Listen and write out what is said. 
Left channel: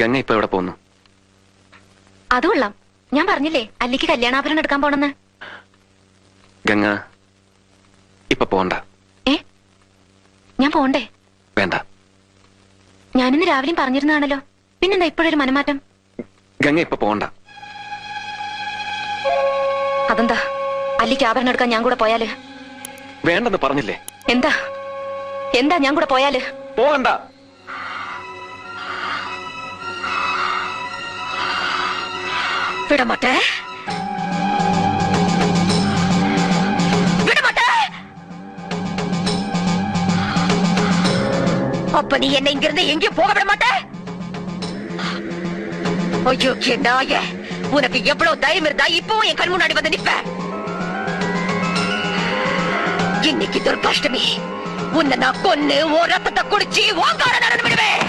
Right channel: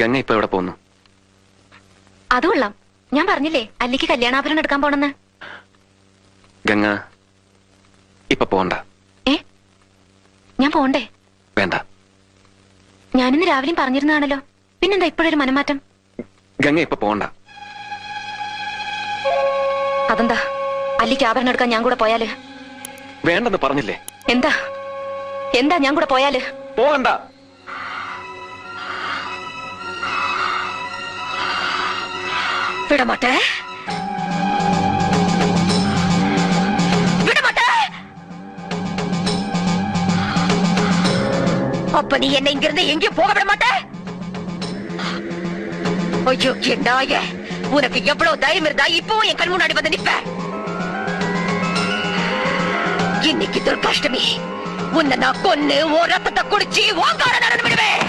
ഗംഗ ഇപ്പൊ എവിടെ പോകുന്നു? അത് കൊള്ളാം. ഞാൻ പറഞ്ഞില്ലേ അല്ലിക്ക് കല്യാണാഭരണം എടുക്കാൻ പോണെന്ന്. ഗംഗ ഇപ്പൊ പോണ്ട. ഞാൻ പോണ്ടേ? വേണ്ട. ഞാനിന്ന് രാവിലെ പറഞ്ഞിരുന്നാണല്ലോ, പിന്നെന്താ ഇപ്പോഴൊരു മനമാറ്റം? ഗംഗ ഇപ്പൊ പോണ്ട. അതെന്താ? അല്ലിക്ക് ആഭരണം എടുക്കാൻ ഞാൻ കൂടെ പോയാല്? വേണ്ടെന്ന് പറഞ്ഞില്ലേ? എന്താ എന്താ ഞാൻ കൂടെ പോയാല്? പോകണ്ട. விடமாட்டே அப்ப நீ என்ன இங்கிருந்து எங்கேயும் போக விட மாட்டே? ஐயோ நாயே, உனக்கு எவ்வளவு தைரியம் இருந்தா இப்பவும் என் கண் முன்னாடி வந்து நிப்ப? இன்னைக்கு துர்காஷ்டமி, உன்னை நான் கொன்னு ஓ ரத்தத்தை குடிச்சு ஓங்கார நடந்து விடுவேன்.